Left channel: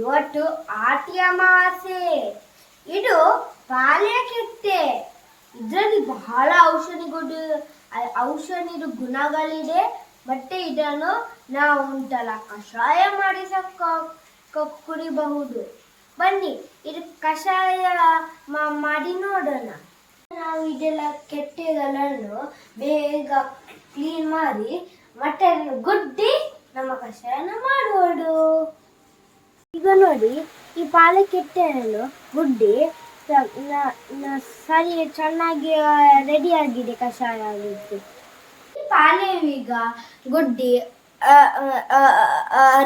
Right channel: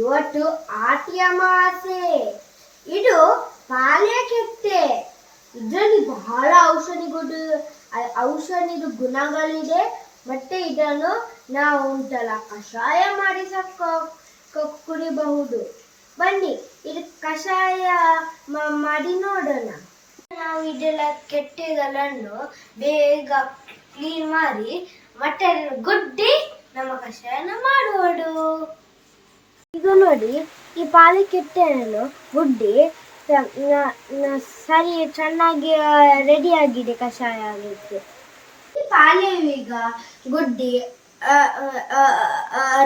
ಇವತ್ತು ಆಟಿ ಅಮಾವಾಸ್ಯೆ. ಇದು ಪಾಲ್ಯ ಕೆತ್ತೆ. ಇದರಲ್ಲಿ ಬಹಳ ಔಷಧಿದು ಗುಣಗಳಿದೆ. ಮತ್ತೆ ಇದನ್ನು ನಾವು ಉಂಟಲ್ಲ ಕಷಾಯ ಮಾಡಿ ಕುಡಿಬಹುದು. ಬನ್ನಿ ಇದು ಕಷಾಯ ಮಾಡಿ ನೋಡೋಣ. ನಾವು ಇದೆಲ್ಲ ಕೆಟ್ಟೆಗಳನ್ನು ಬೇಗ ಕ್ಲೀನ್ ಮಾಡಿ ಮತ್ತೆ ಗುಡ್ಡಿ ನಮ್ಮ ಕಷಾಯನ ಮಾಡುವುದು. ಈಗ ನೋಡಿ, ಈ ಪಾಲೆ ಕೆಟ್ಟೆಯನ್ನು ಗುಡ್ಡಿ ಸರಿ ಚೆನ್ನಾಗಿ ರೆಡಿ ಆಗಿದೆ ಕಷಾಯ ಆಗಿದ್ದು. ಈ ಪಾಲೆ ಈಗ ಗುಡ್ಡಿ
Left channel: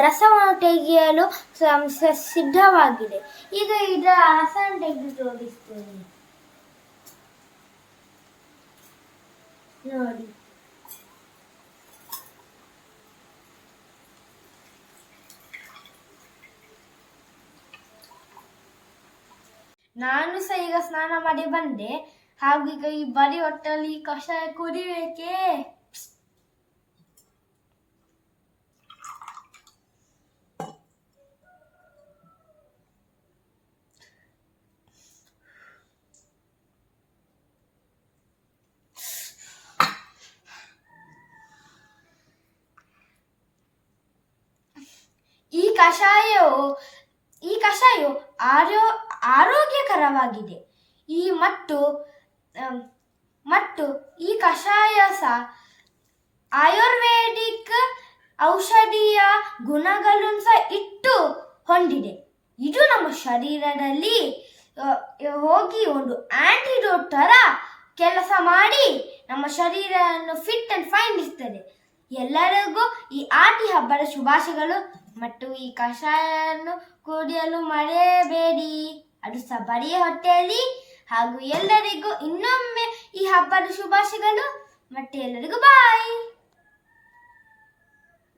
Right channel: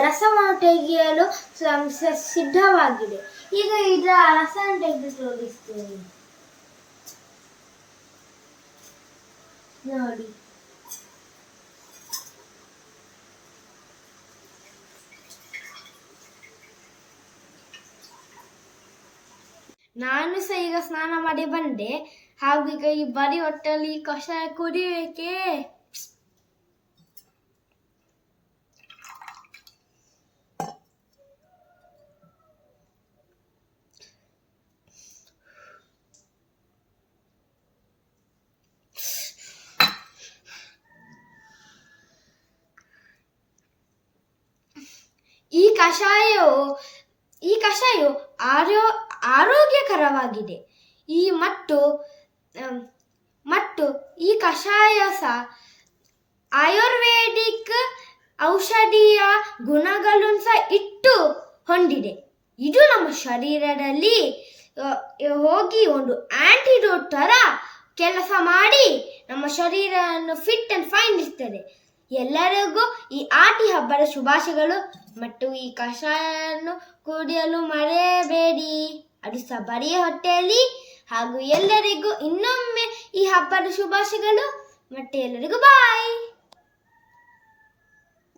ರಸವನ್ನು ತೆಗೆಯಲು ಸಿದ್ಧವಾಗಿದೆ. ಈಗ ಇದರ ರಸವನ್ನು ತೆಗೆದು ತೋರಿಸ್ತೇನೆ ನೋಡಿ. ನಾನು ಸಹ ಈಗ ಸ್ನಾನ ಮಾಡಿ ಬಂದೆ. ಹಾಗೂ ಈಗ ಈ ಬರೀ ಹೊಟ್ಟಲ್ಲಿ ಕಷಾಯ ಕುಡಿಬೇಕೆ. ಈ ಕಷಾಯವು ಆರೋಗ್ಯಕರವಾಗಿದೆ. ಮತ್ತು ಈ ಕಷಾಯ ಸಹ ಆಯುರ್ವೇದಿಕ್ ಔಷಧೀಯ ಗುಣಗಳನ್ನು ಸಹ ಹೊಂದಿದೆ. ಇದು ನಮ್ಮ ಶರೀರದಲ್ಲಿ ಹೋಗಿ ಒಂದು ಆಂಟಿಡೋಟ್ ತರ ಕೆಲಸ ಮಾಡಿ ನಮ್ಮ ಶರೀರವನ್ನು ಫಿಟ್ ಅಂಡ್ ಫೈನ್ ಇರ್ತದೆ. ಎಲ್ಲರಿಗೂ ಈ ಆಟಿ ಹಬ್ಬದ ಶುಭಾಶಯಗಳು. ಮತ್ತು ಈ ಕಷಾಯವನ್ನು ಕುಡಿಯಲು ಮರೆಯಬೇಡಿ, ಅದು ಸಹ ಬರೀ ಹೊಟ್ಟೆಯಲ್ಲಿ. ಹಾಗೂ ಎಲ್ಲರಿಗೂ ಇನ್ನೊಮ್ಮೆ ಈ ಹಬ್ಬದ ಶುಭಾಶಯಗಳು. ಮತ್ತೆ ಎಲ್ಲರಿಗೂ ಬಾಯ್.